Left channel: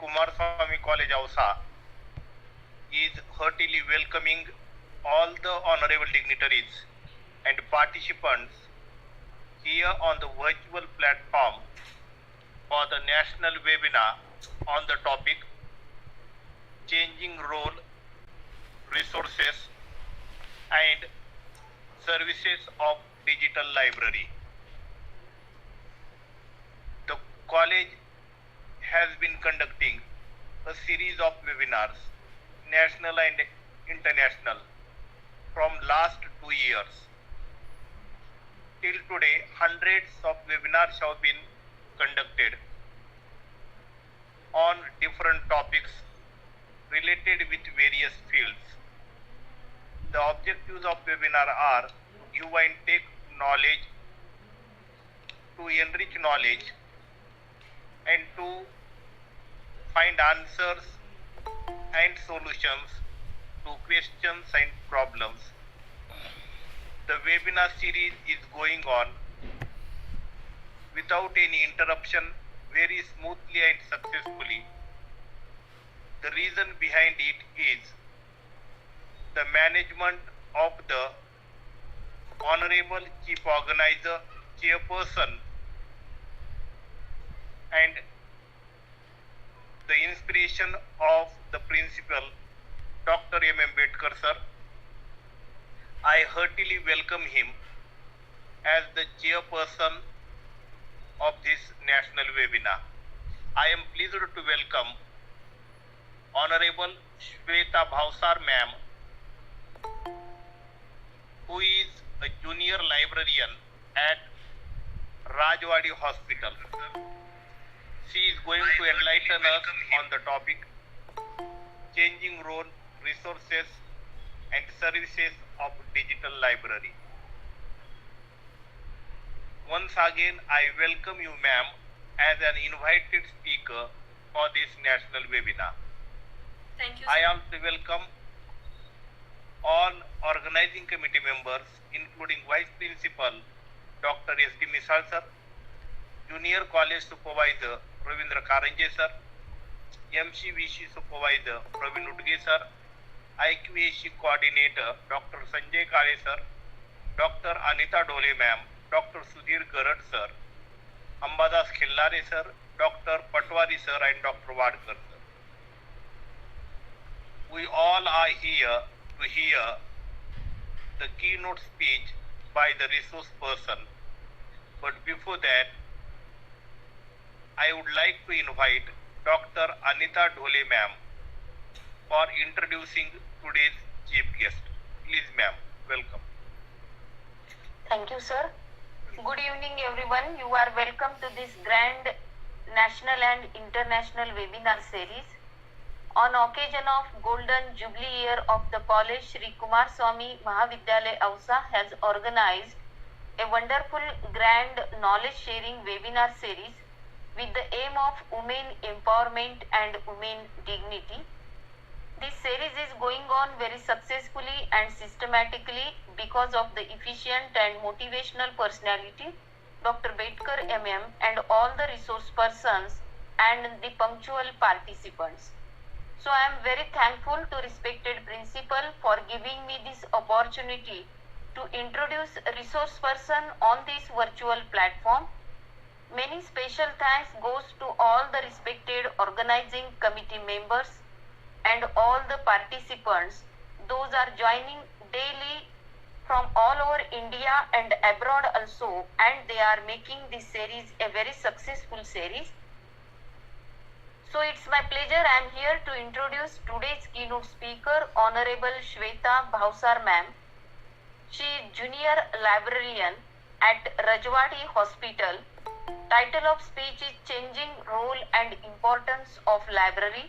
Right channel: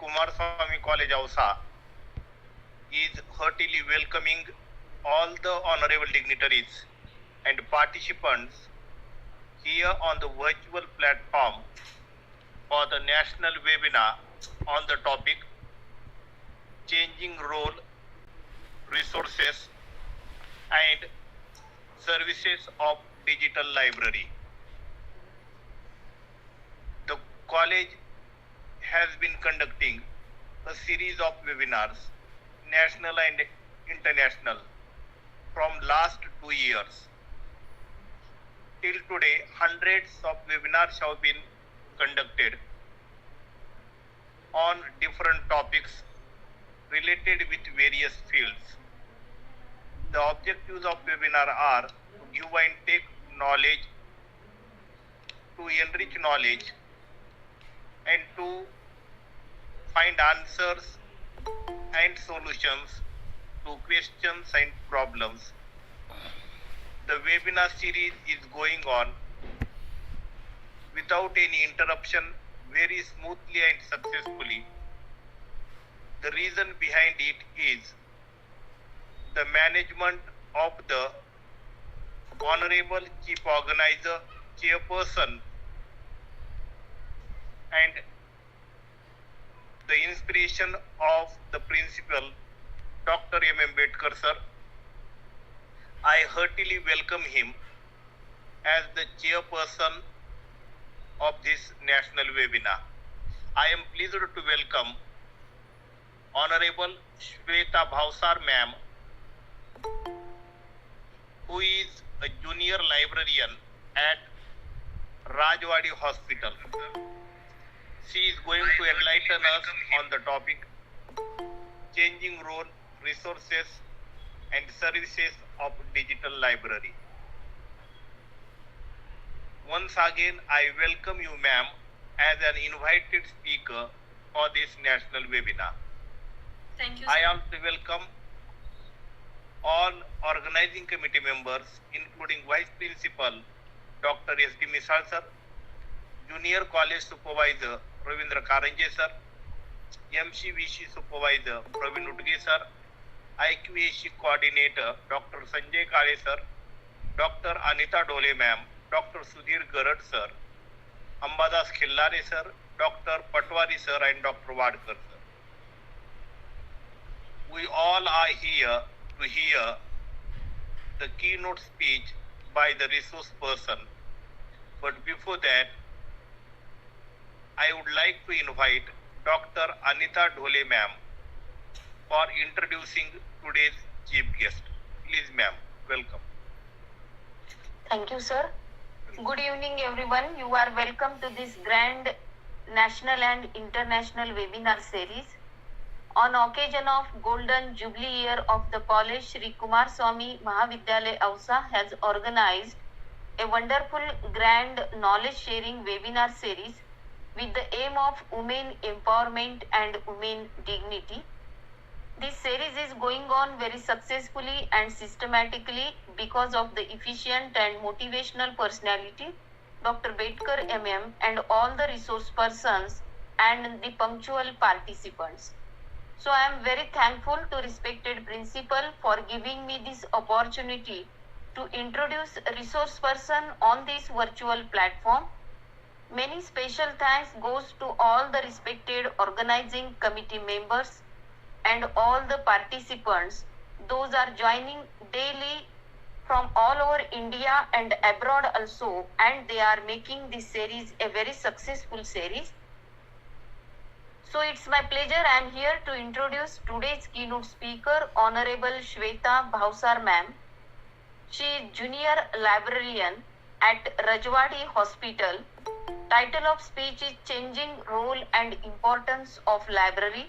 Kumarswami College Ausa is heartily welcoming all the honorable dignitaries and participants here on the virtual platform for the national webinar on the topic Changing Role, Resources and Services of Digital Library. The college has been conducting a series of webinars, national and international, from last 2 years. Till today, hundreds of webinars have been conducted on different topics related with various fields. The objectives of webinar are to give and take knowledge, to enrich knowledge, and to find answers and solutions to questions and problems. The webinar series is going on without any interruption, very smoothly and successfully. The reason behind it is the management of the Honorable Chief Organizer, Chairperson, and the inspiration of the Principal, Dr. M. Ambedkar sir. I heartily welcome him as the chairperson of this national webinar. I am pleased to welcome Honorable Shweta Bhavsar ma'am, who is a junior librarian at Rajwadi Hospital. She is going to enlighten us on the topic Changing Role, Resources and Services of Digital Library. Once again, I welcome you ma'am as an invited speaker for this national webinar. Thank you, sir. I also welcome all organizing committee members, including Vice Principal Dr. S.D. Misal sir, Junior College Supervisor Ravindra Karanje sir, MCVC Supervisor Praveen Udge sir, IQAC Coordinator Dr. Sanjay Kale sir, Dr. Anita Dole ma'am, Dr. Sudhir Garad sir, Ambadas Khillare sir, Dr. Patwari sir and Dr. Wadkar sir. We all are here to hear the keynote speech by the resource person. But before that, I would like to invite Dr. Anita Dole ma'am for introducing today's chief guest. Please ma'am, welcome. Thank you, sir. Good evening, everyone. You are welcome to this grand national and international webinar series. On occasion of Golden Jubilee year of the college, Shri Kumarswami Mahavidyalaya Ausa has organized a wonderful grand knowledge sharing webinar series with the aim of women empowerment and women dignity. This series is going on very successfully and systematically because of the efficient and motivational personality Dr. Bedkar MM and all the resource persons and the punctual participants. So I am very thankful to respected principal for giving me this opportunity to introduce a resource person on this virtual platform. Many special thanks goes to all the respected organizing committee members and all the participants. Those are joining daily from all over India and abroad also, and they are making this series a very successful series. So it's my pleasure. I am here to introduce today's keynote speaker, Honorable Shweta Bhavsar ma'am. She is junior librarian at Rajwadi Hospital. Title of speech is Changing Role and Importance of Library.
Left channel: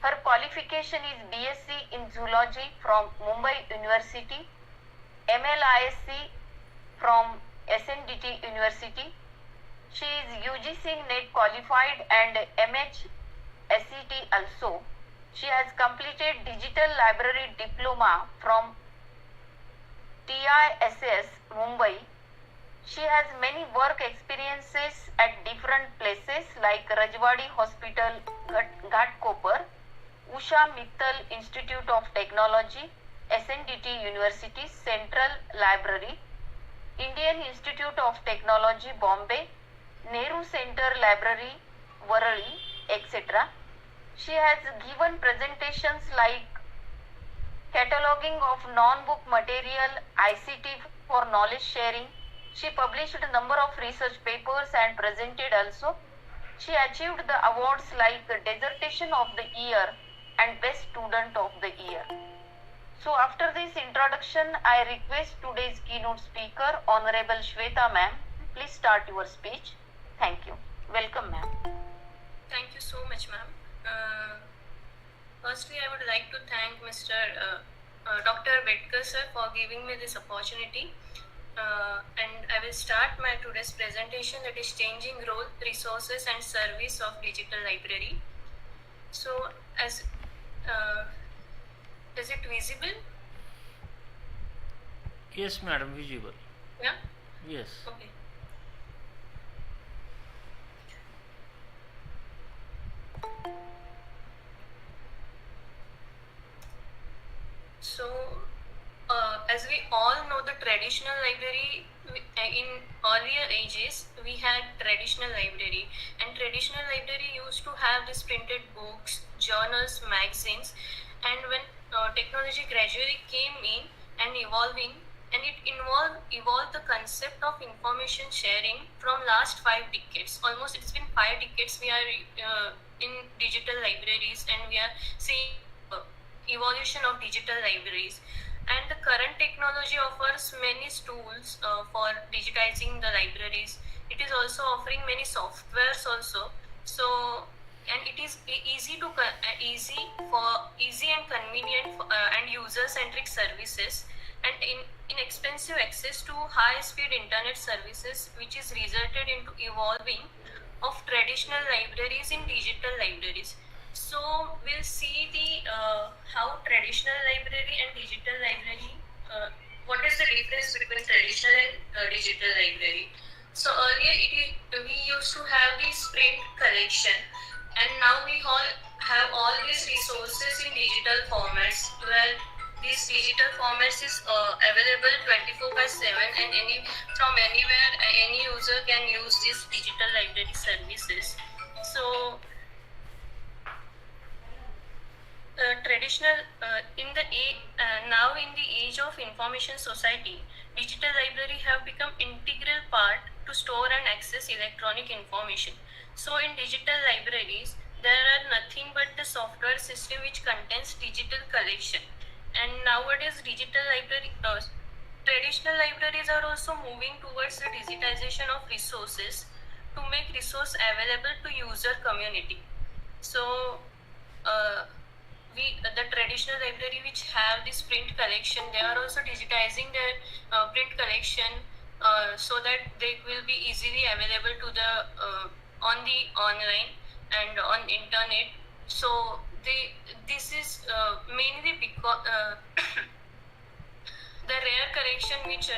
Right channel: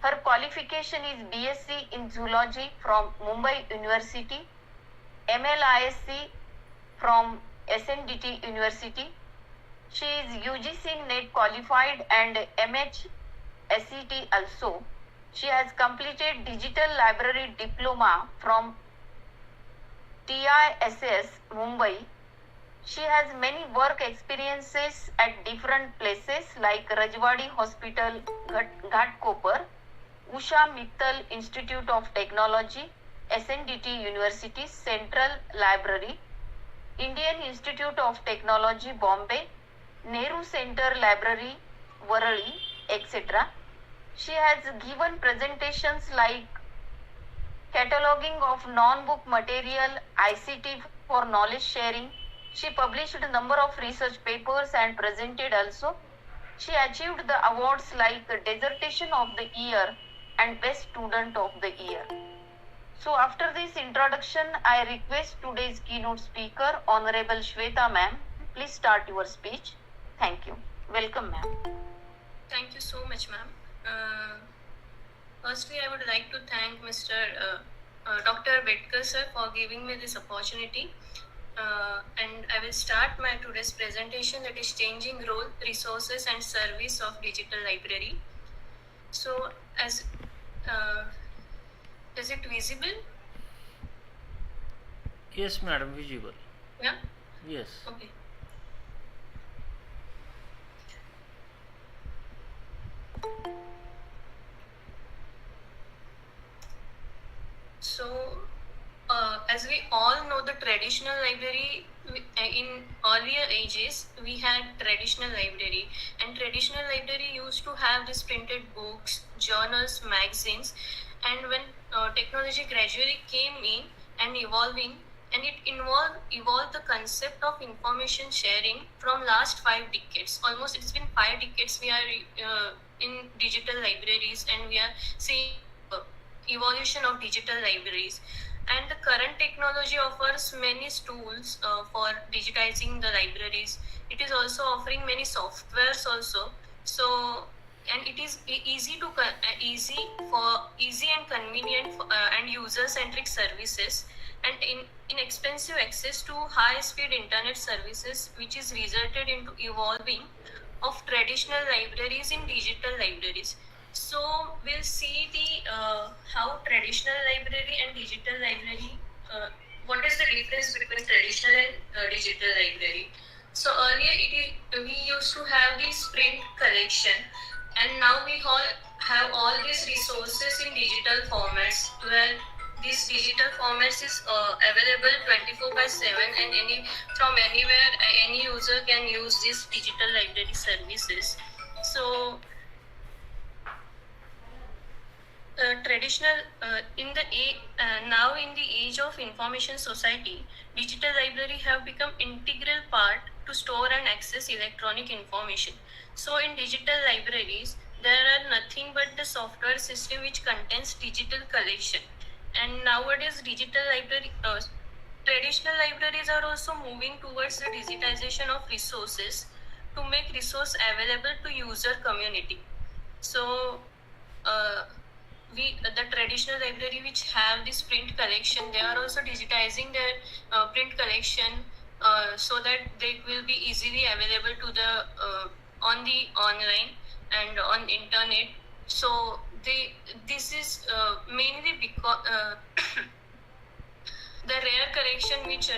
Her qualification is BSc in Zoology from Mumbai University, MLISC from SNDT University. She is UGC NET qualified and MHSCT also. She has completed Digital Library Diploma from TISS Mumbai. She has many work experiences at different places like Rajwadi Hospital, Ghatkopar, Usha Mittal Institute of Technology, SNDT University, Central Library, Indian Institute of Technology, Bombay, Nehru Center Library, Varali, etc. She has given presentations like cataloging of non-book material, ICT for knowledge sharing. She published a number of research papers and presented also. She achieved the awards like Dissertation of the Year and Best Student of the Year. So after this introduction, I request today's keynote speaker, Honorable Shweta ma'am. Please start your speech. Thank you. Welcome ma'am. Thank you so much ma'am. Firstly, I would like to thank Mr. Dr. Bedkar sir for giving me this opportunity. And I will start my today's presentation, that is Changing Role, Resources and Service of Digital Library. So as is it visible? Yes, madam, visible. Yeah? Yes. Okay. So, as we all know, the traditional library, in earlier ages, we had traditional library, and traditional library used to have these printed books, journals, magazines, and when technology gradually came in and evolving, and it evolved the concept of information sharing from last 5 decades. Almost it's been 5 decades we are in digital libraries, and we are seeing evolution of digital libraries. And the current technology offers many tools for digitizing the libraries. It is also offering many softwares also. So, and it is easy and convenient and user-centric services, and inexpensive access to high-speed internet services, which is resulted into evolving of traditional libraries in digital libraries. So we'll see the how traditional library and digital library, what is the difference between traditional and digital library. So earlier we used to have this print collection, and now we all have all these resources in digital formats, where this digital formats is available 24/7, and from anywhere any user can use these digital library services. So traditional now in the age of information society, digital library have become integral part to store and access electronic information. So in digital libraries, there are nothing but the software system which contains digital collection. And nowadays traditional libraries are also moving towards the digitization of resources to make resource available to user community. So the traditional library which have this print collection, they are also digitizing their print collection so that they will be easily available to the on the online and on internet. So this is mainly because the rare collection which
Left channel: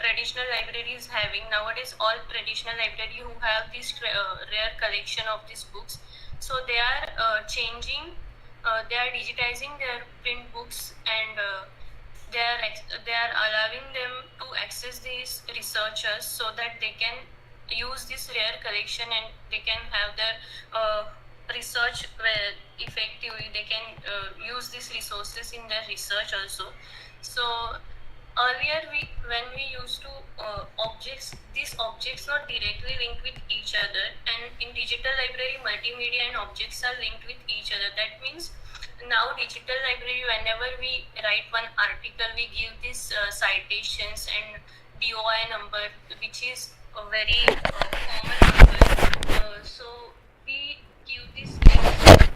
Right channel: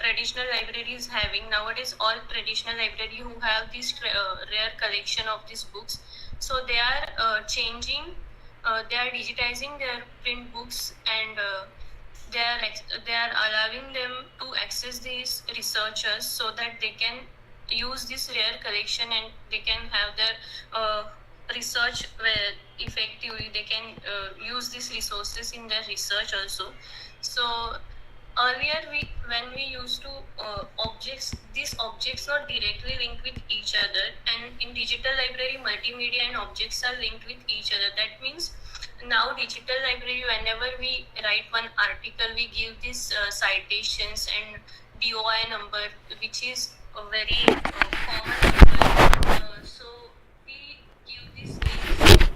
traditional library is having nowadays. All traditional library who have this rare collection of these books, so they are changing. They are digitizing their print books, and they are allowing them to access these researchers so that they can use this rare collection, and they can have their research effectively. They can use these resources in their research also. So earlier when we used to these objects not directly linked with each other, and in digital library multimedia and objects are linked with each other. That means now digital library, whenever we write one article, we give these citations and DOI number, which is a very common number. So we give this down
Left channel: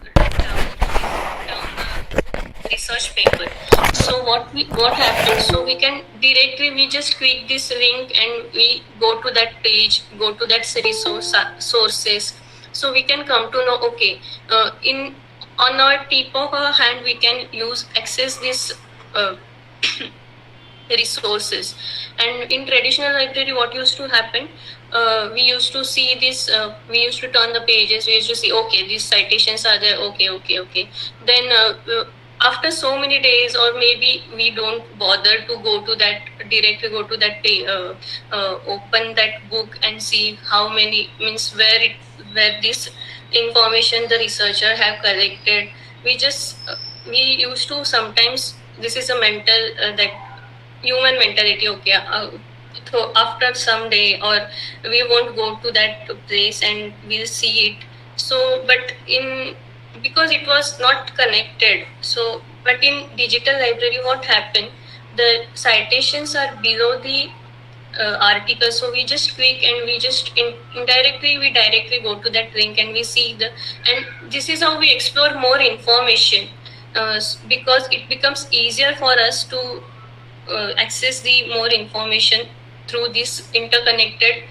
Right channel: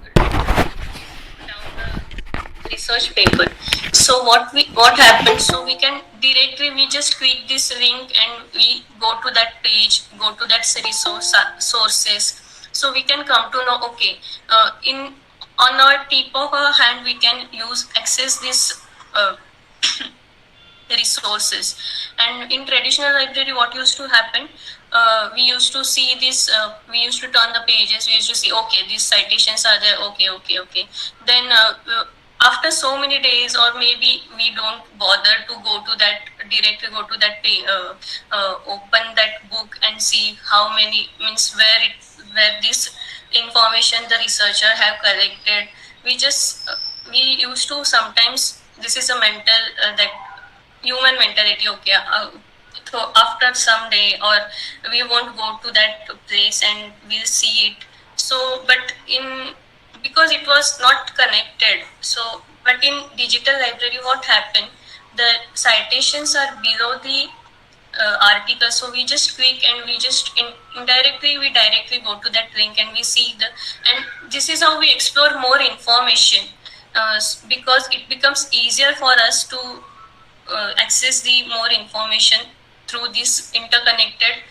the research paper. So what happens? So we can directly, we just click this link and we go to that page, go to that sources. So we can come to know, okay, on our tip of our hand we can access this resources. And in traditional library, what used to happen, we used to see this, we used to turn the pages, we used to see, okay, these citations are there, okay. Then after so many days, or maybe we don't bother to go to that, directly go to that page, open that book and see how many, means where this information the researcher have collected. We just, we used to sometimes, this is a mental, that human mentality, okay, so after some day, or we won't go to that place and we'll see it. So but because it was not connected, so but in digital library, what happened, the citations are below the article, so we just click and we just indirectly, we directly go to that link and we see and this is how we explore more information, because it becomes easier for us to access the more information through these interconnected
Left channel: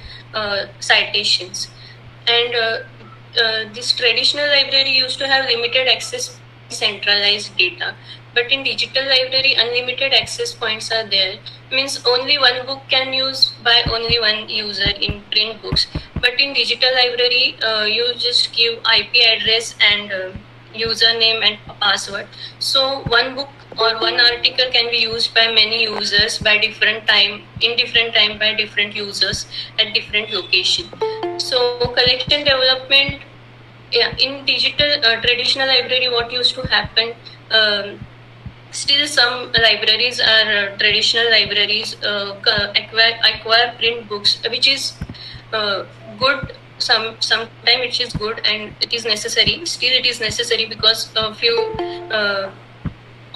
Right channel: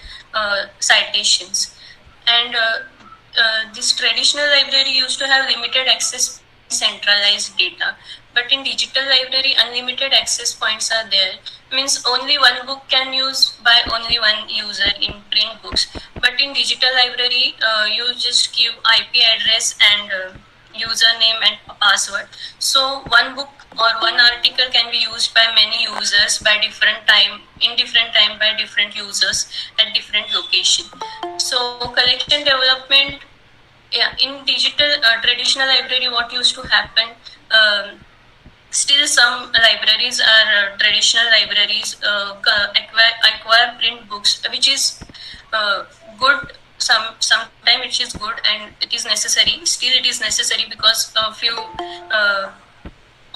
citations. And this traditional library used to have limited access, centralized data, but in digital library, unlimited access points are there. Means only one book can use by only one user in print books, but in digital library, you just give IP address and username and password. So one book or one article can be used by many users by different time, in different time by different users at different location. So collection development, in digital traditional library, what used to happen, still some libraries are traditional libraries acquire print books, which is good. Sometimes it is good and it is necessary. Still it is necessary because few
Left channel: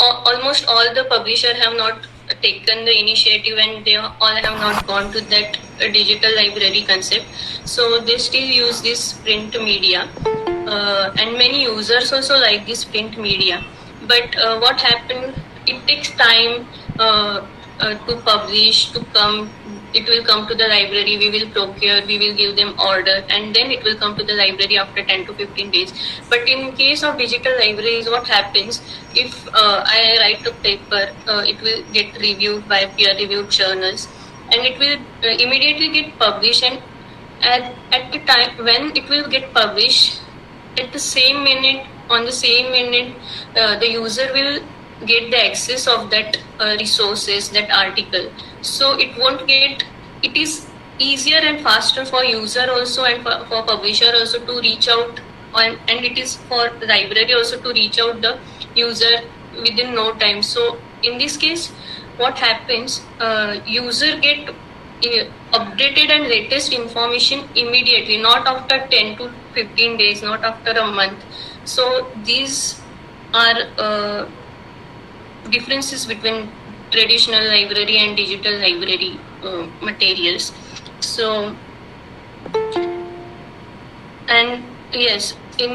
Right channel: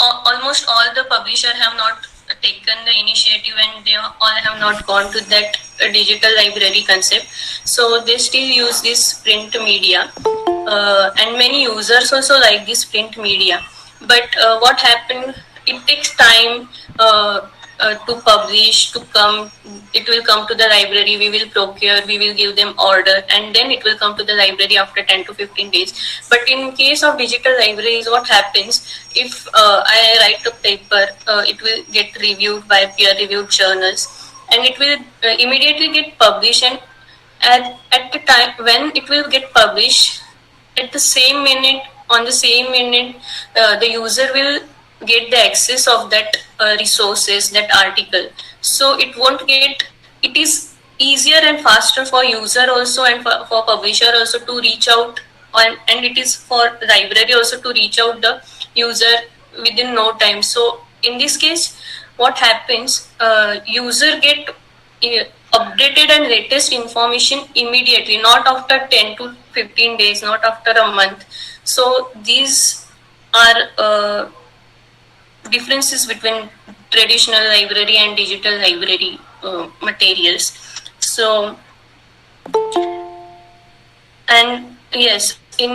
almost all the publishers have not taken the initiative and they all have not gone to that digital library concept. So they still use this print media, and many users also like this print media. But what happened, it takes time to publish, to come. It will come to the library, we will procure, we will give them order, and then it will come to the library after 10 to 15 days. But in case of digital libraries, what happens, if I write a paper, it will get reviewed by peer-reviewed journals, and it will immediately get published, and at the time when it will get published, at the same minute, on the same minute, the user will get the access of that resources, that article. So it won't get, it is easier and faster for user also and for publisher also to reach out, and it is for library also to reach out the user within no time. So in this case, what happens, user get updated and latest information immediately, not after 10 to 15 days, not after a month. So these are differences between traditional library and digital library materials. So, and yes, in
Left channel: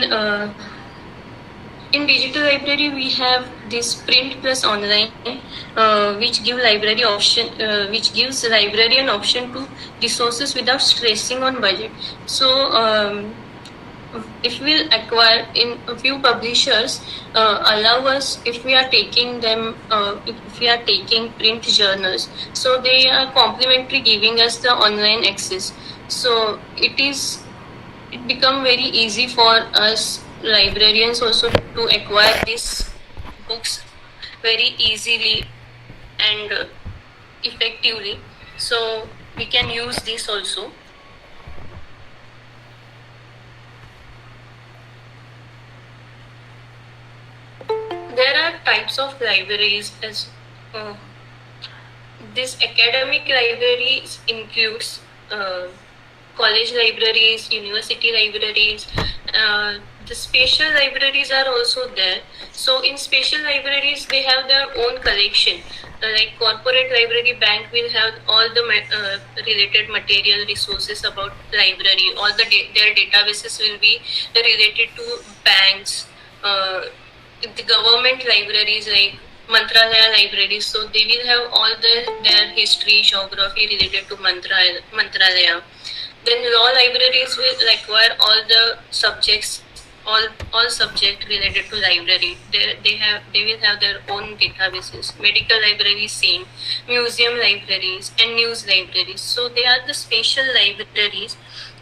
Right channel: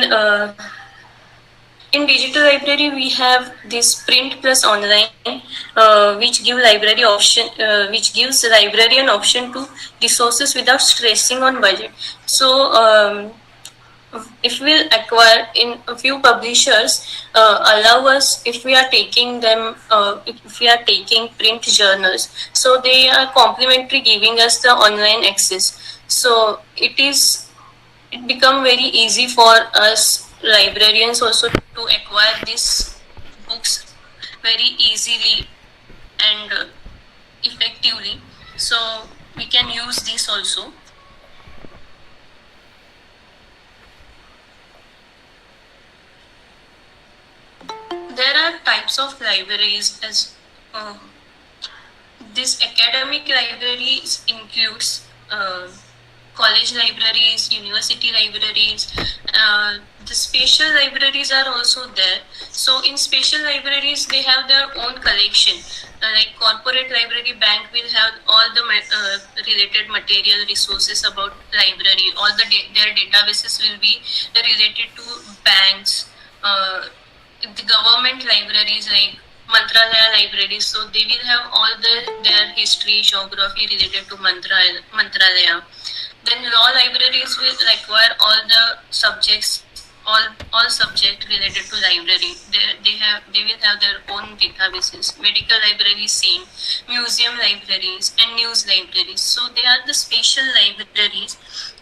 digital library we have this print plus online, which give library option, which gives librarian option to resources without stressing on budget. So if we acquire, in a few publishers allow us, if we are taking them, if we are taking print journals, so they are complimentary giving us the online access. So it become very easy for us librarians also to acquire these books very easily and effectively. So we can use this also. There are types of libraries as this academic libraries includes college libraries, university libraries. The special libraries are also there. So in special libraries, they have their own collection. Like corporate library, bank will have all the related material resources about library. All their databases will be related to banks. The government libraries like Mantralaya libraries, so they will have all their history, geography related to Mantralaya. Then law libraries will acquire all the subjects all subject related to library. They will have their own databases. Medical libraries, same. Museum libraries and news libraries. So they are the special libraries,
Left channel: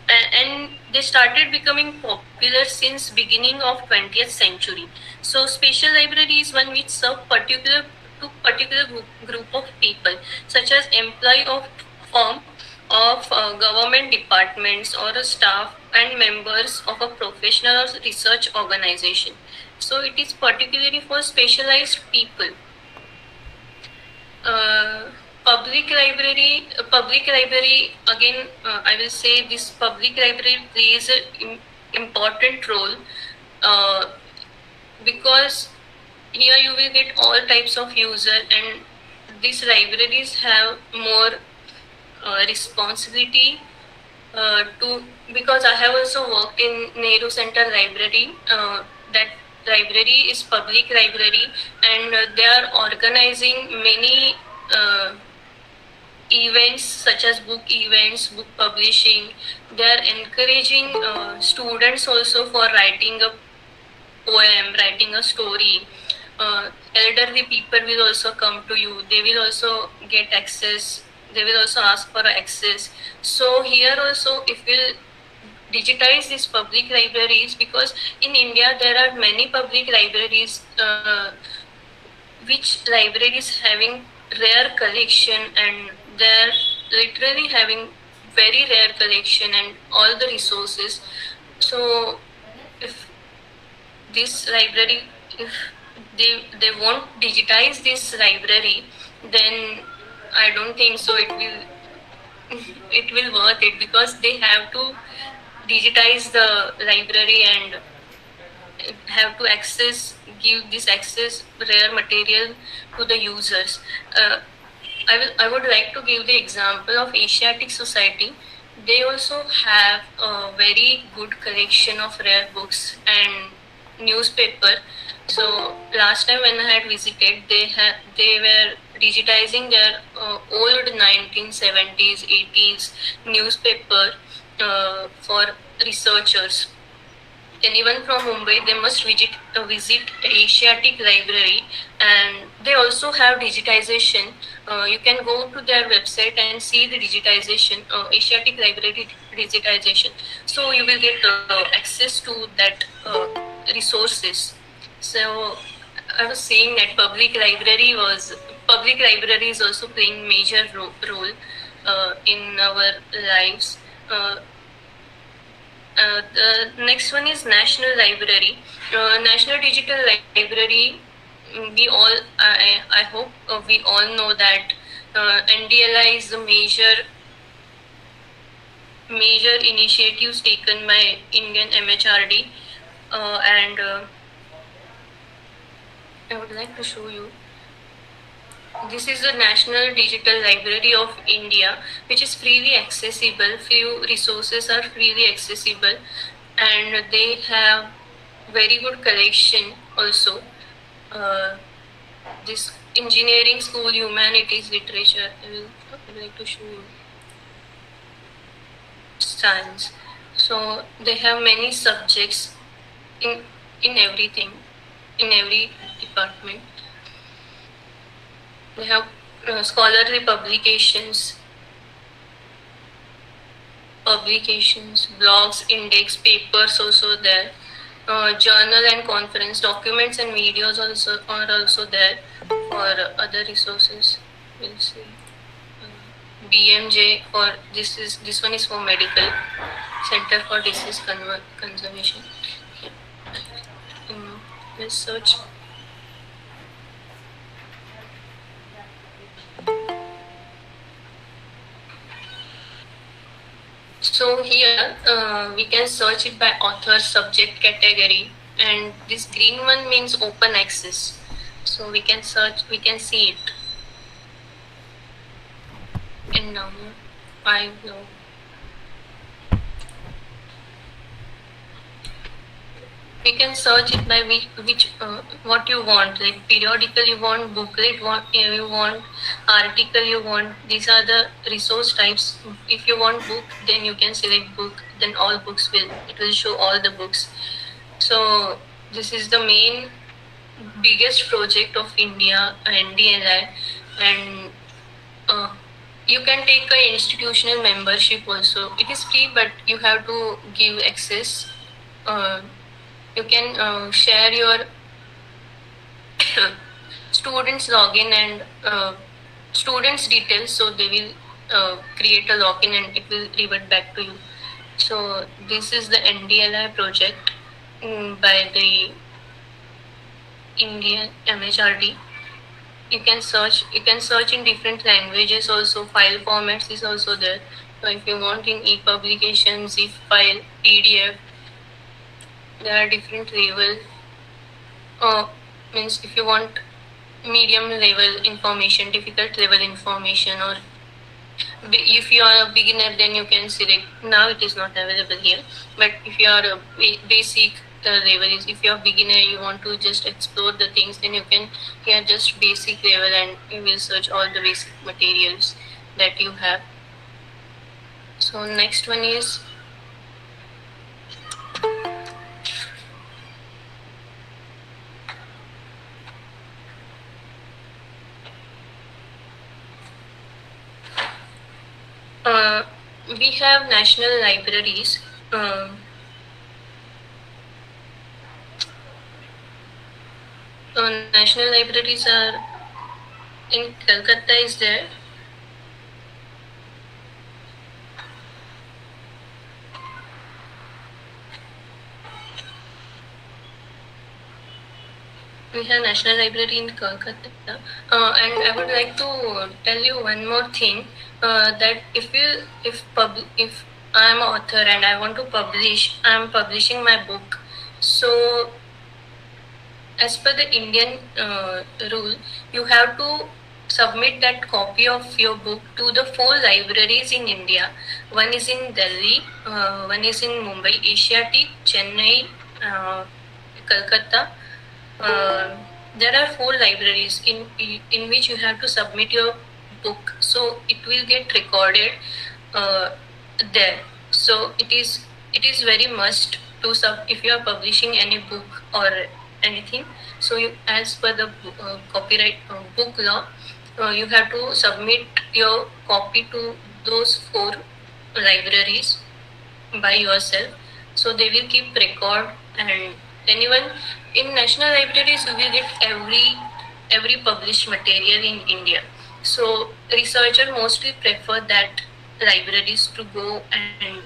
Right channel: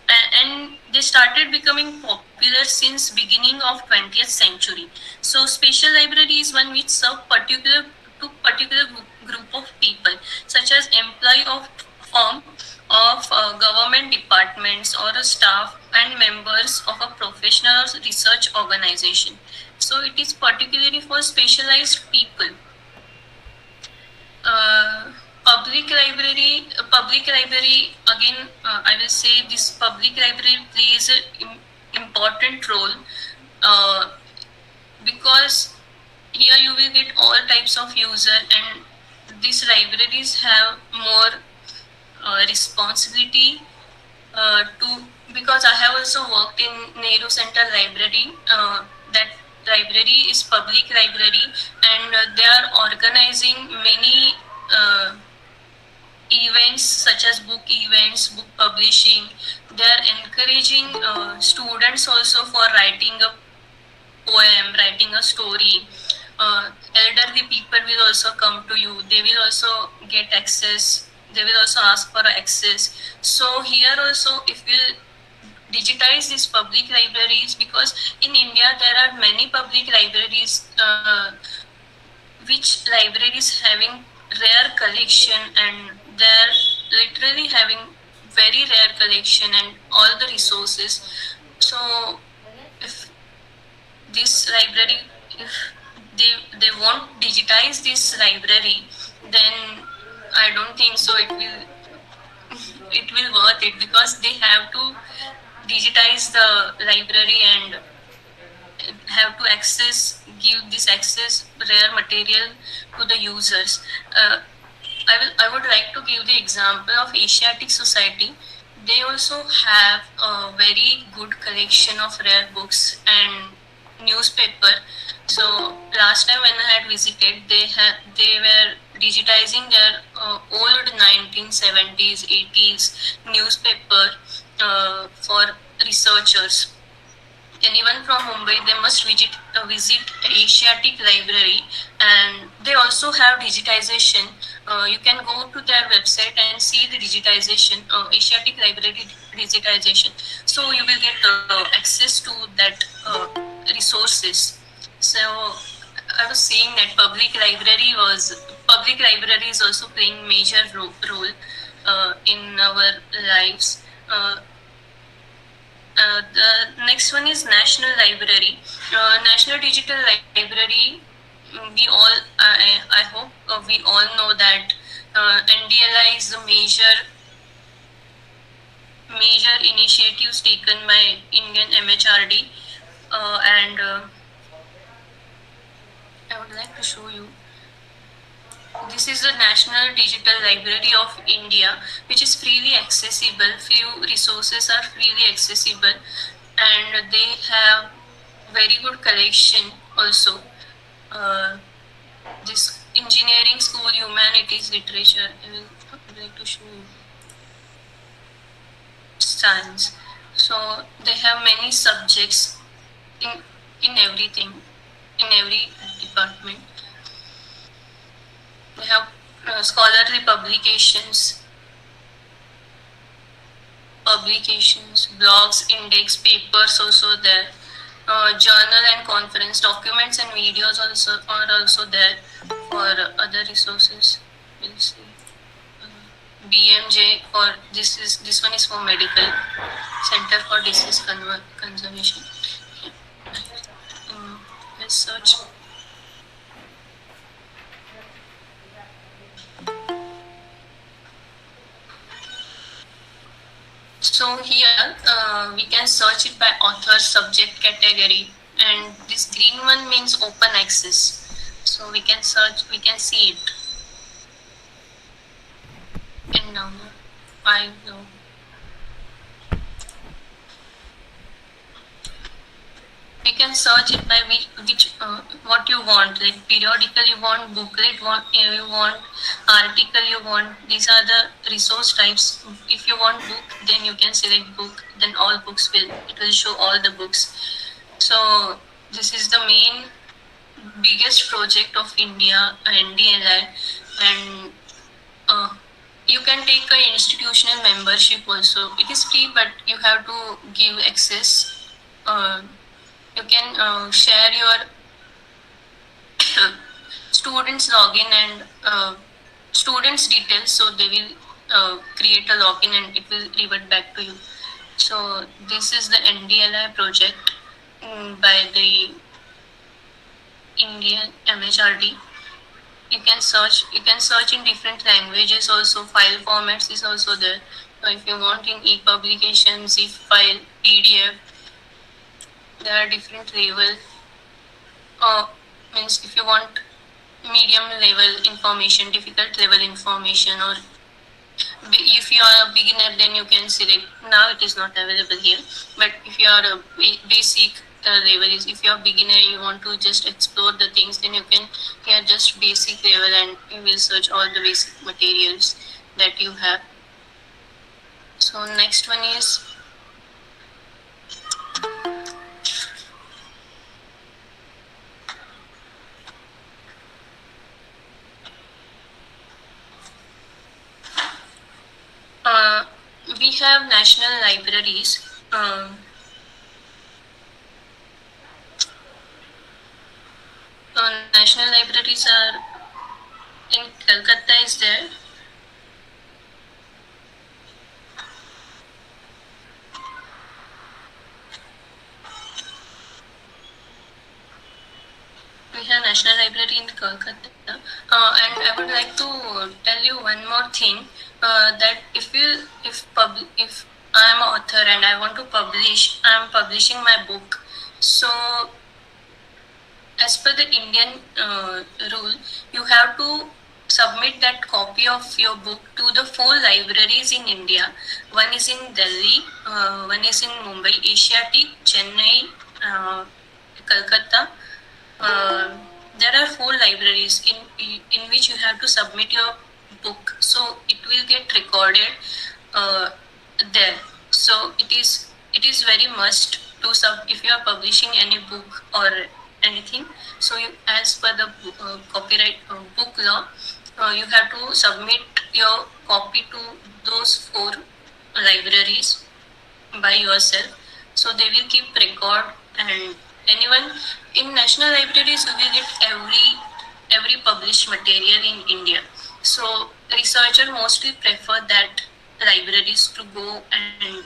and they started becoming popular since beginning of 20th century. So special library is one which serve particular group of people, such as employee of firm of government departments or a staff and members of a professional or research organization. So it is particularly for specialized people. Public library again, I will say this public library plays an important role because here you will get all types of user, and these libraries have more responsibility to, because I have also worked in Nehru Center Library. That library is public library, and they are organizing many events such as book events, book publishing. They are encouraging students also for writing a poem, writing a story. Elderly people will also come to you. They will also get access. They will also ask for access. So here also, if we'll digitize these public libraries, because in India there are many public libraries, which libraries having rare collection, and they're literally having very rare collection and all the resources. So if this library, if they won't digitize this library, then I don't think so it will worth it, because they have to digitize the library and have to give this access rare material to the users. I would like to give the example of Asiatic Society. They also have a very good collection of rare books and newspaper. So last time when I had visited, they were digitizing their old 1970s, 80s newspaper for researchers. And even from Mumbai, they must visit Asiatic Library, and they also have digitization. You can go to their website and see the digitization, Asiatic Library digitization. So you will get access to that resources. So I was saying that public library is also playing major role in our lives. The next one is National Library. National Digital Library. We all, I hope we all know that NDLI is the major initiatives taken by Indian MHRD, and I would like to show you. This is the National Digital Library of India, which is freely accessible. Few resources are freely accessible, and they have very good collection also. This engineering school, humanities, literature. I would like to show you science. So they have many subjects in everything, in every department. They have scholarly publications, blogs, index, papers also there. Journal and conference documents and videos are also there for other resources. We'll see. BMJ for this one is for medical Center for Disease Conservation. Let's search. So here we can search it by author, subject, category, and this green one means open access. So we can search, we can see it. And now I know. We can search it by which what you want, like periodical you want, booklet you want, article you want. These are the resource types. If you want book, then you can select book. Then all books it will show all the books. So this is the main biggest project of India, NDLI, and you can take a institutional membership also. It is free, but you have to give access. You can share your students login and students details, so they will create a login and it will revert back to you. So this is the NDLI project by the Indian MHRD. You can search in different languages also. File formats is also there. So if you want in e-publication, zip file, PDF, there are different level. Means if you want medium level information, difficult level information, or if you are a beginner, then you can select. Now it is not available here, but if you are a basic, the level is, if you are beginner, you want to just explore the things, then you can here just basic level and you will search all the basic materials that you have. So next one is we have national libraries. National libraries are in Calcutta is there. We have National Library in Calcutta, and I would like to tell you one more thing, that if I am an author and I want to publish, I am publishing my book. So as per the Indian rule, you have to submit that copy of your book to the 4 libraries in India. One is in Delhi, one is in Mumbai, Asiatic, Chennai, Calcutta. There are 4 libraries in which you have to submit your book, so it will get recorded there. So it is very must to if you are publishing any book or anything. So as per the copyright book law, you have to submit your copy to those 4 libraries by yourself. So they will keep record, and anyone in national libraries you will get every published material in India. So researchers mostly prefer that libraries to go and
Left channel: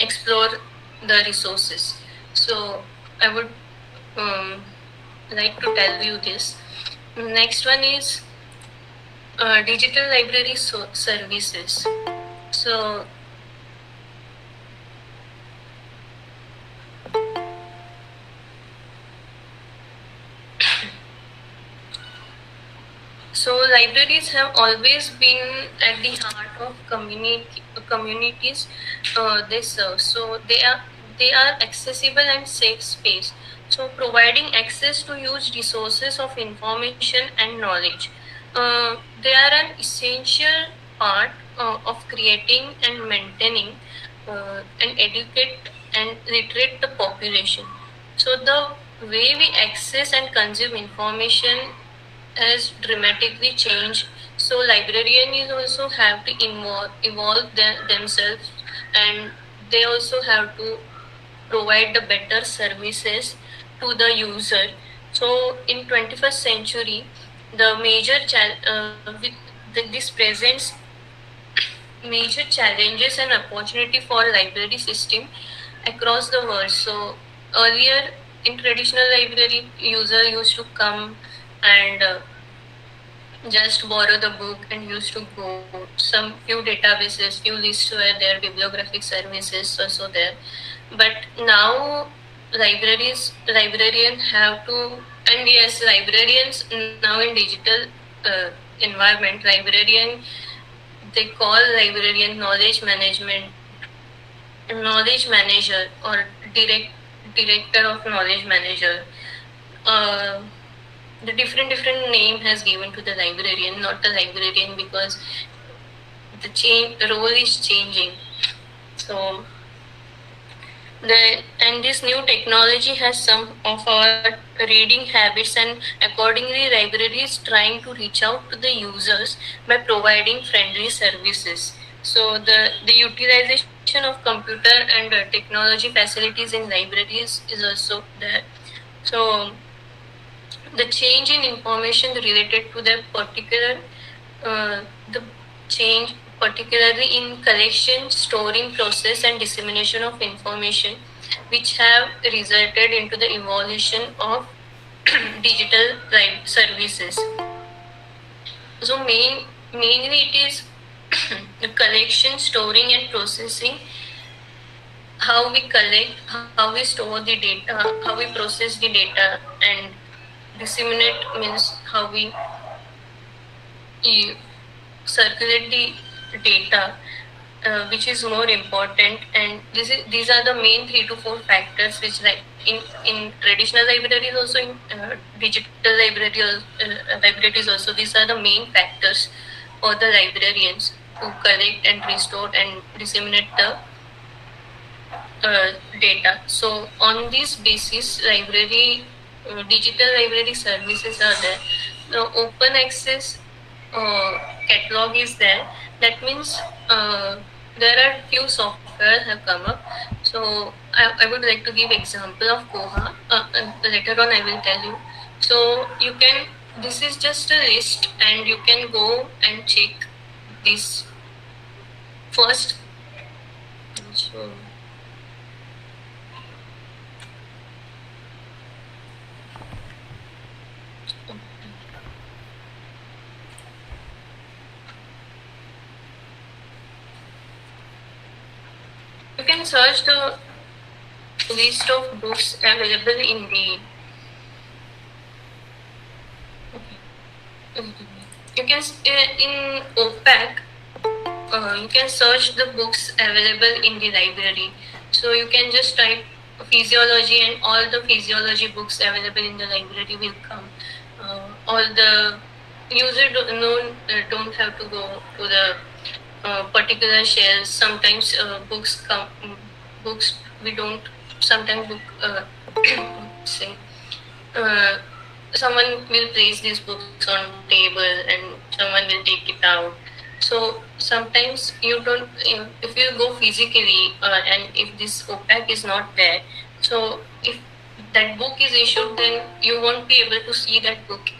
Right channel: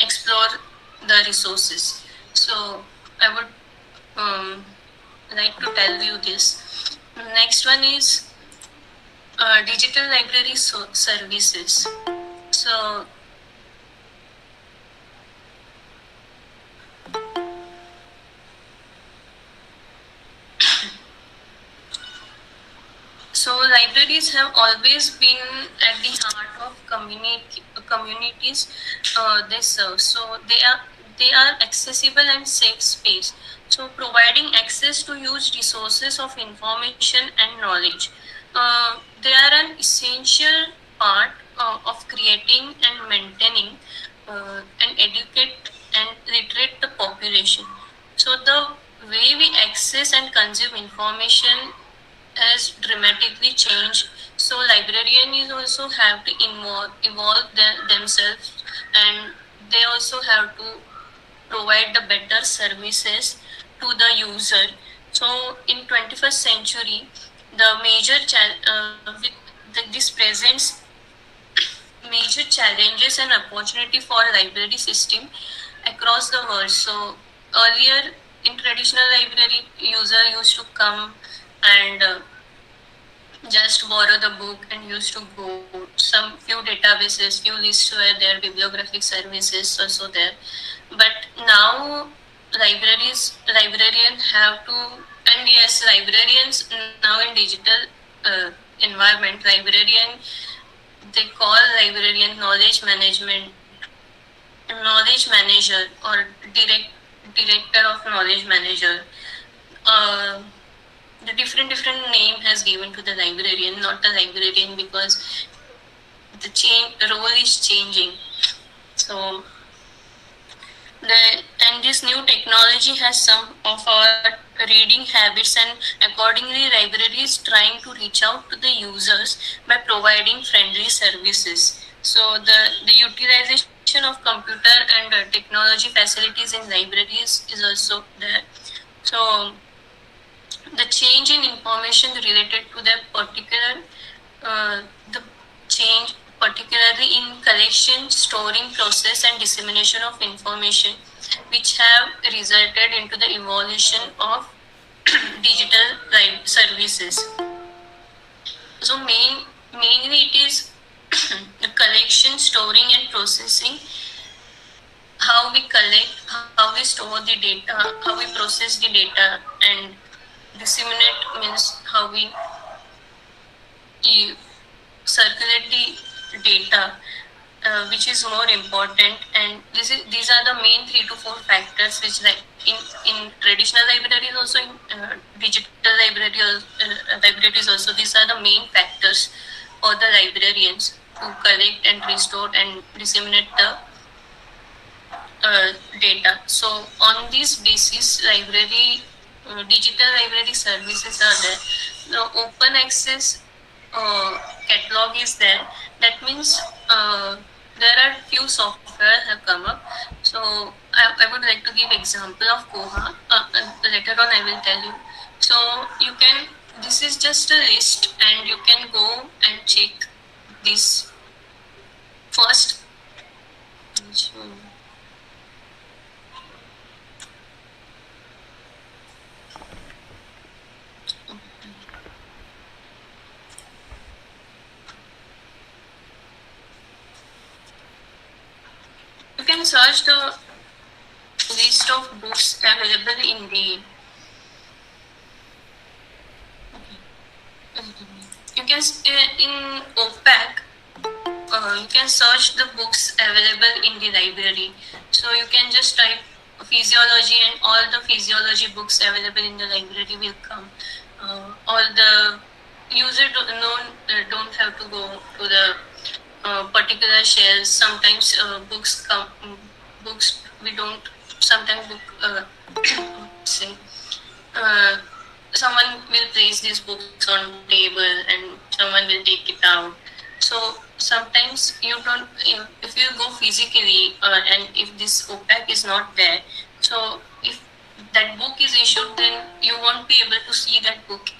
explore the resources. So I would like to tell you this. Next one is digital library services. So libraries have always been at the heart of communities they serve. So they are accessible and safe space. So providing access to huge resources of information and knowledge. They are an essential part of creating and maintaining and educate and literate the population. So the way we access and consume information has dramatically changed. So librarians also have to evolve themselves, and they also have to provide the better services to the user. So in 21st century, the major this presents major challenges and opportunity for library system across the world. So earlier in traditional library, user used to come and just borrow the book and used to go. Some few databases, few lists were there, bibliographic services also there. But now librarians have to, and yes, librarians now in digital environment, they call librarian knowledge manager or director of knowledge manager. The different name has given to the librarian, not the librarian, because the role is changing. So And this new technology has some of our reading habits, and accordingly library is trying to reach out to the users by providing friendly services. So the utilization of computer and technology facilities in libraries is also there. So the change in information related to the particular the change particularly in collection, storing, process and dissemination of information, which have resulted into the evolution of digital services. So mainly it is the collection, storing and processing, how we collect, how we store the data, how we process the data, and disseminate means how we circulate the data, which is more important. And these are the main 3 to 4 factors which, like in traditional libraries, also in digital libraries also, these are the main factors for the librarians to collect and restore and disseminate the data. So on this basis, digital library services are there. So open access catalog is there. That means there are few software have come up. So I would like to give example of Koha. Later on I will tell you. So this is just a list, and you can go and check this first. So, you can search the list of books available in the. You can in OPAC. You can search the books available in the library. So you can just type physiology, and all the physiology books available in the library will come. All the user don't have to go to the particular shelves. Sometimes books we don't. Sometimes say someone will place these books on table and someone will take it out. So sometimes you don't. If you go physically and if this OPAC is not there, so if that book is issued, then you won't be able to see that book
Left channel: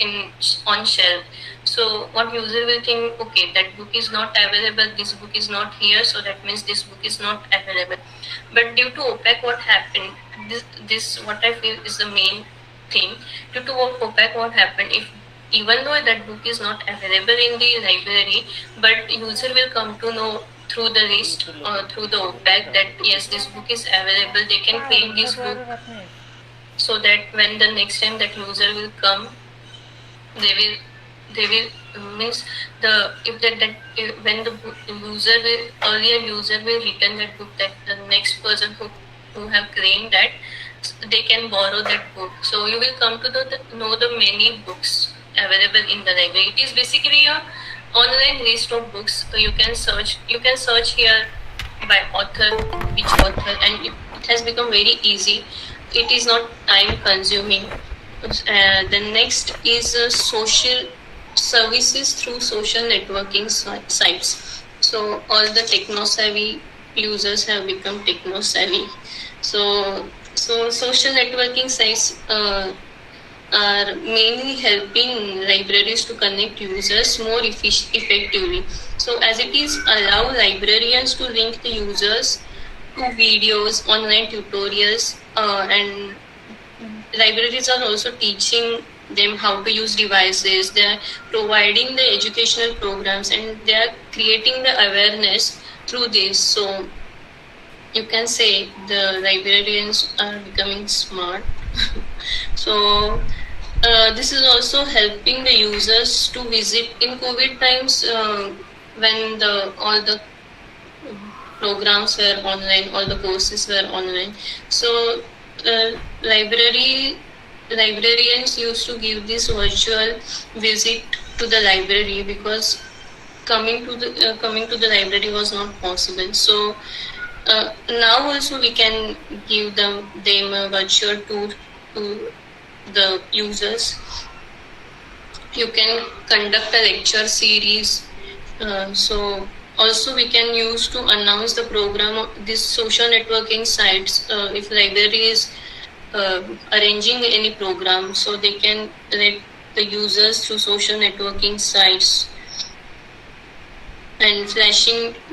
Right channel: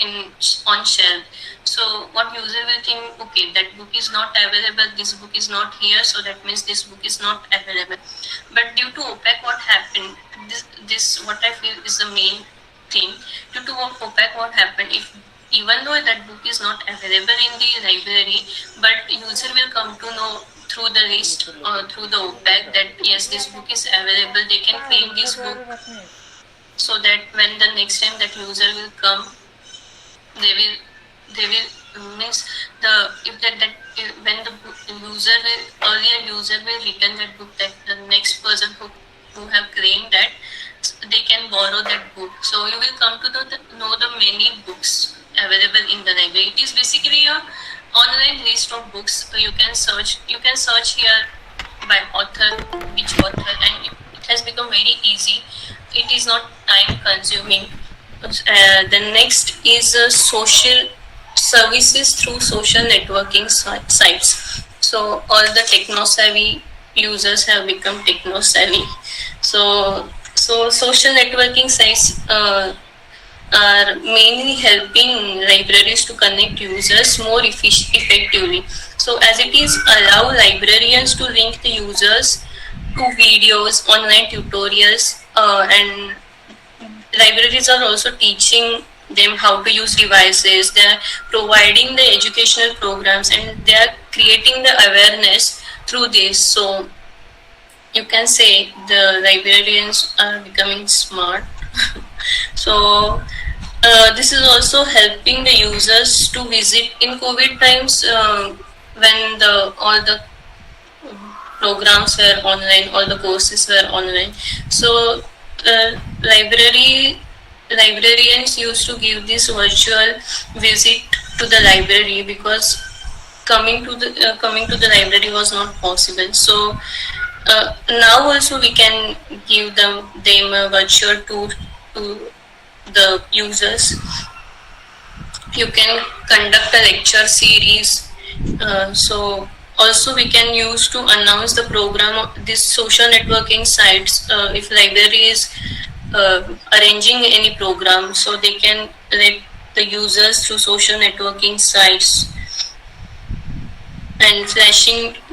on shelf. So what user will think, okay, that book is not available, this book is not here, so that means this book is not available. But due to OPAC, what happened? This what I feel is the main thing. Due to OPAC, what happened? Even though that book is not available in the library, but user will come to know through the list or through the OPAC that yes, this book is available. They can claim this book, so that when the next time that user will come, they will means when the earlier user will return that book, that the next person who have claimed that, they can borrow that book. So you will come to know the many books available in the library. It is basically a online list of books. So you can search here by author, which author, and it has become very easy. It is not time consuming. The next is social services through social networking sites. So all the techno-savvy users have become techno-savvy. So social networking sites are mainly helping libraries to connect users more effectively. So as it is allow librarians to link the users to videos, online tutorials, and libraries are also teaching them how to use devices. They are providing the educational programs, and they are creating the awareness through this. So you can say the librarians are becoming smart. So this is also helping the users to visit in COVID times when all the programs were online, all the courses were online. So librarians used to give this virtual visit to the library because coming to the library was not possible. So Now also we can give them a virtual tour to the users. You can conduct a lecture series. So also we can use to announce the program of these social networking sites. If library is arranging any program, so they can let the users through social networking sites and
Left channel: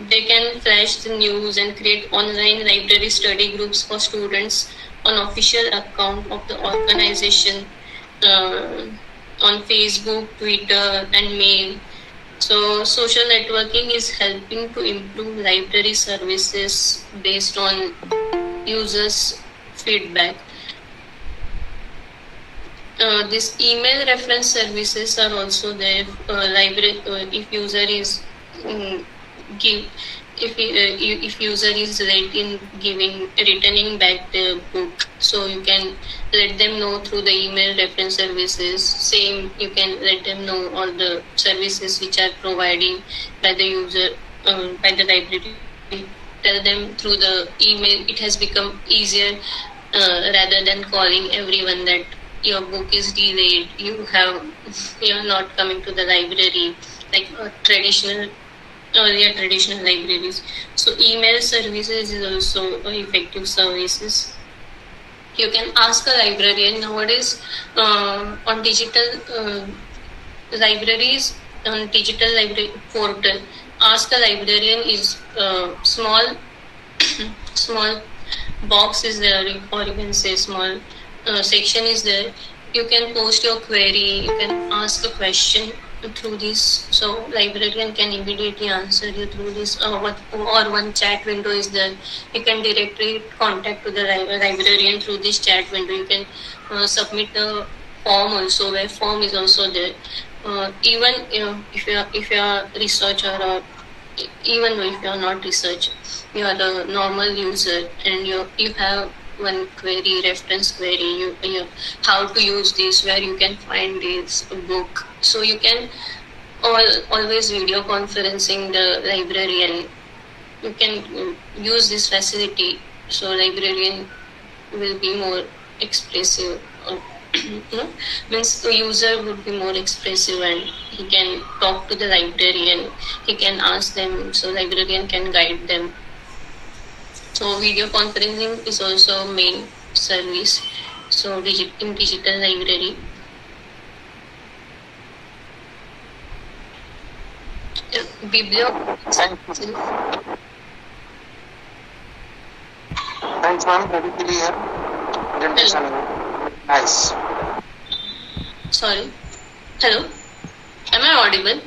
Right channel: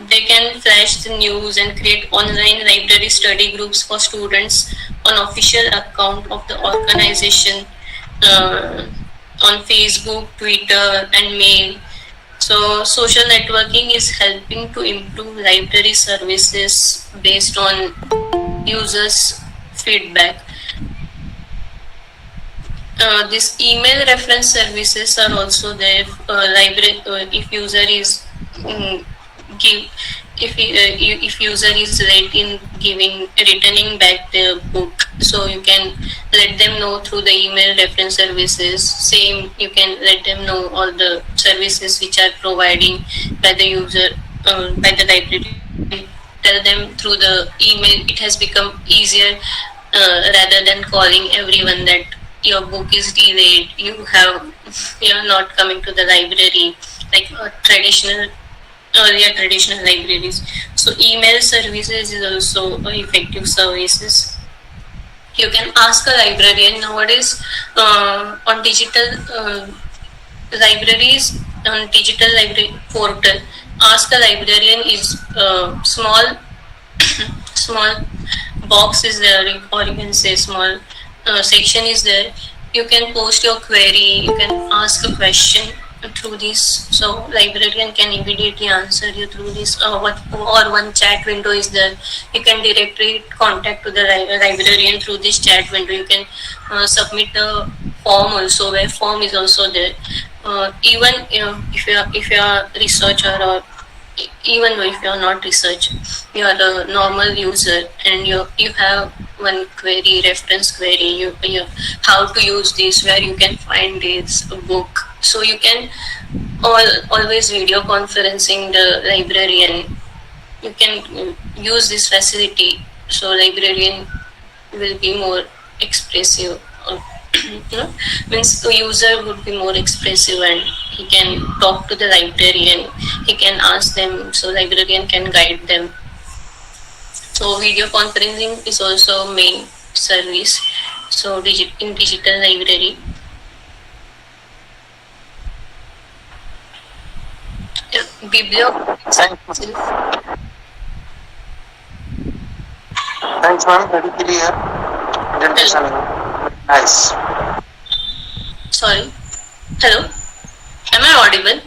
they can flash the news and create online library study groups for students on official account of the organization on Facebook, Twitter and mail. So social networking is helping to improve library services based on users feedback. These email reference services are also there. If user is if user is late in returning back the book, so you can let them know through the email reference services. Same, you can let them know all the services which are providing by the user, by the library. Tell them through the email. It has become easier rather than calling everyone that your book is delayed, you are not coming to the library like earlier traditional libraries. So email services is also effective services. You can ask a librarian nowadays on digital libraries, on digital library portal. Ask a librarian is small box is there, or you can say small section is there. You can post your query, you can ask a question through this, so librarian can immediately answer you through this, or one chat window is there. You can directly contact to the librarian through this chat window. You can submit the form also, where form is also there. Even if you are researcher, or even though if you are not researcher, you are a normal user and you have one query, reference query, you how to use this, where you can find this book. So you can always video conferencing the librarian. You can use this facility, so librarian will be more expressive. Means the user would be more expressive and he can talk to the librarian, he can ask them, so librarian can guide them. So video conferencing is also main service, so in digital library. Thanks, ma'am. Very clear presentation. Nice. Sorry. Hello. Am I audible?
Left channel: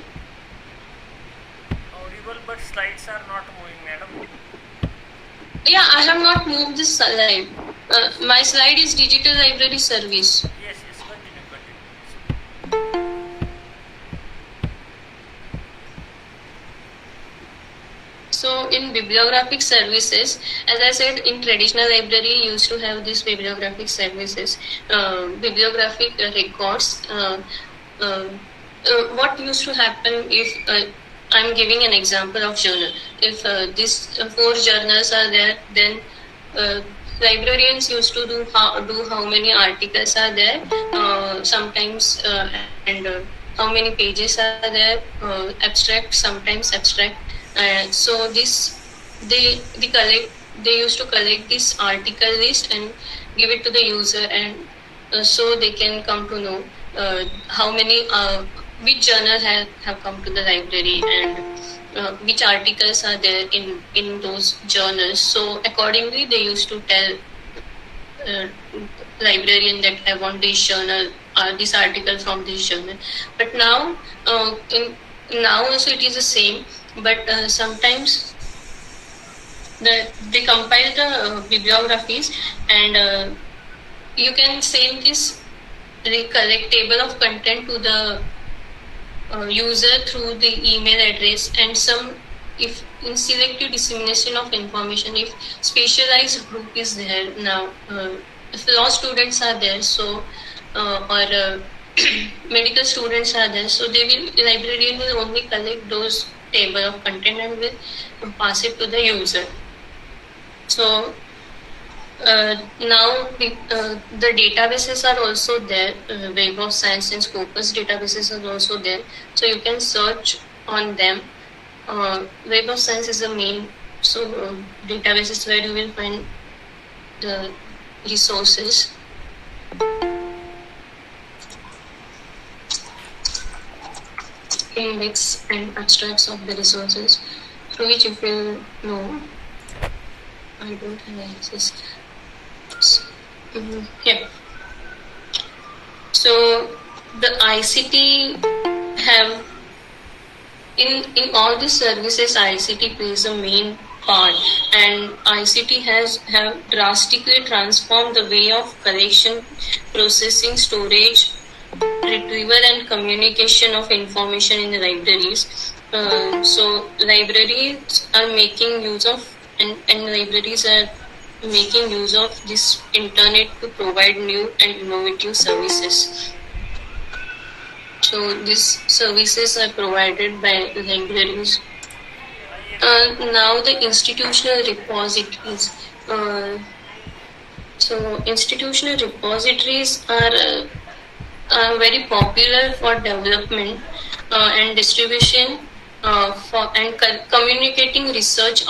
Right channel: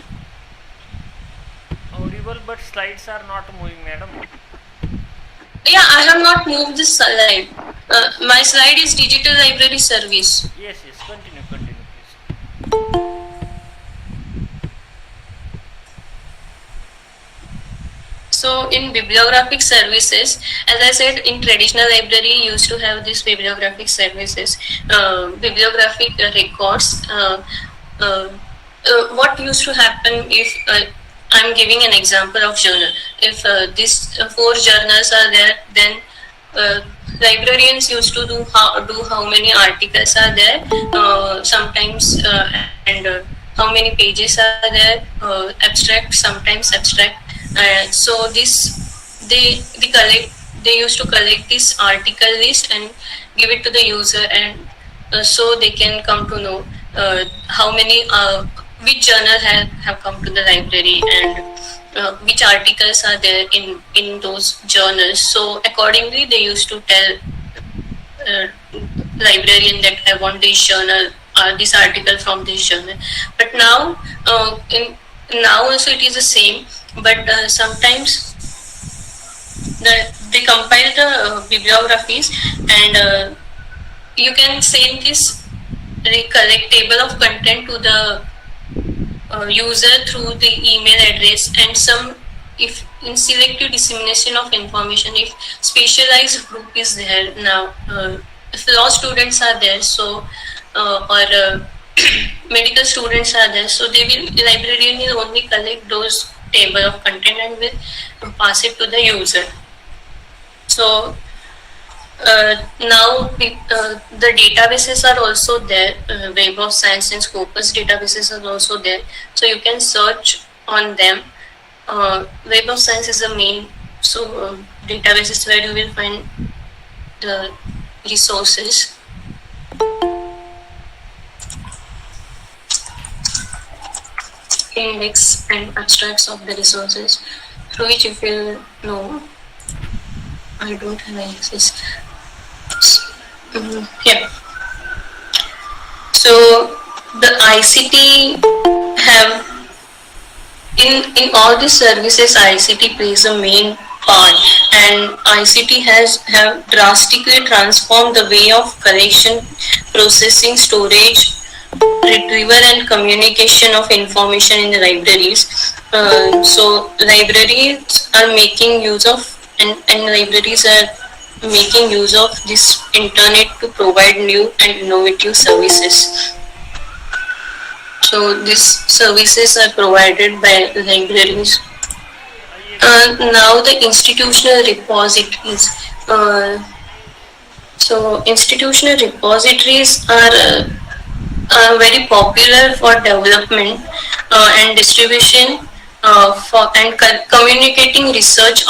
Audible, but slides are not moving, madam. Yeah, I have not moved this slide. My slide is digital library service. Yes, continue, please. So in bibliographic services, as I said, in traditional library you used to have these bibliographic services, bibliographic records. What used to happen if I'm giving an example of journal. If these 4 journals are there, then librarians used to do how many articles are there, sometimes and how many pages are there, abstract, sometimes abstract. So they used to collect this article list and give it to the user, and so they can come to know how many which journal have come to the library and which articles are there in those journals. So accordingly they used to tell librarian that I want this journal or this article from this journal. But now now also it is the same, but sometimes they compile the bibliographies, and you can send this collect table of content to the user through the email address, and if in selective dissemination of information, if specialized group is there now, if law students are there, so or medical students are there, so the librarian will only collect those table of content and will pass it to the user. So now the databases are also there. Web of Science and Scopus databases are also there, so you can search on them. Web of Science is the main databases where you will find the resources. Index and abstracts of the resources, through which if you know, I don't have access. Yeah. So the ICT have in all these services, ICT plays a main part, and ICT have drastically transformed the way of collection, processing, storage, retrieval and communication of information in the libraries. So libraries are making use of and libraries are making use of this internet to provide new and innovative services. So these services are provided by libraries. Now the institutional repositories. So institutional repositories are very popular for development and distribution for and communicating research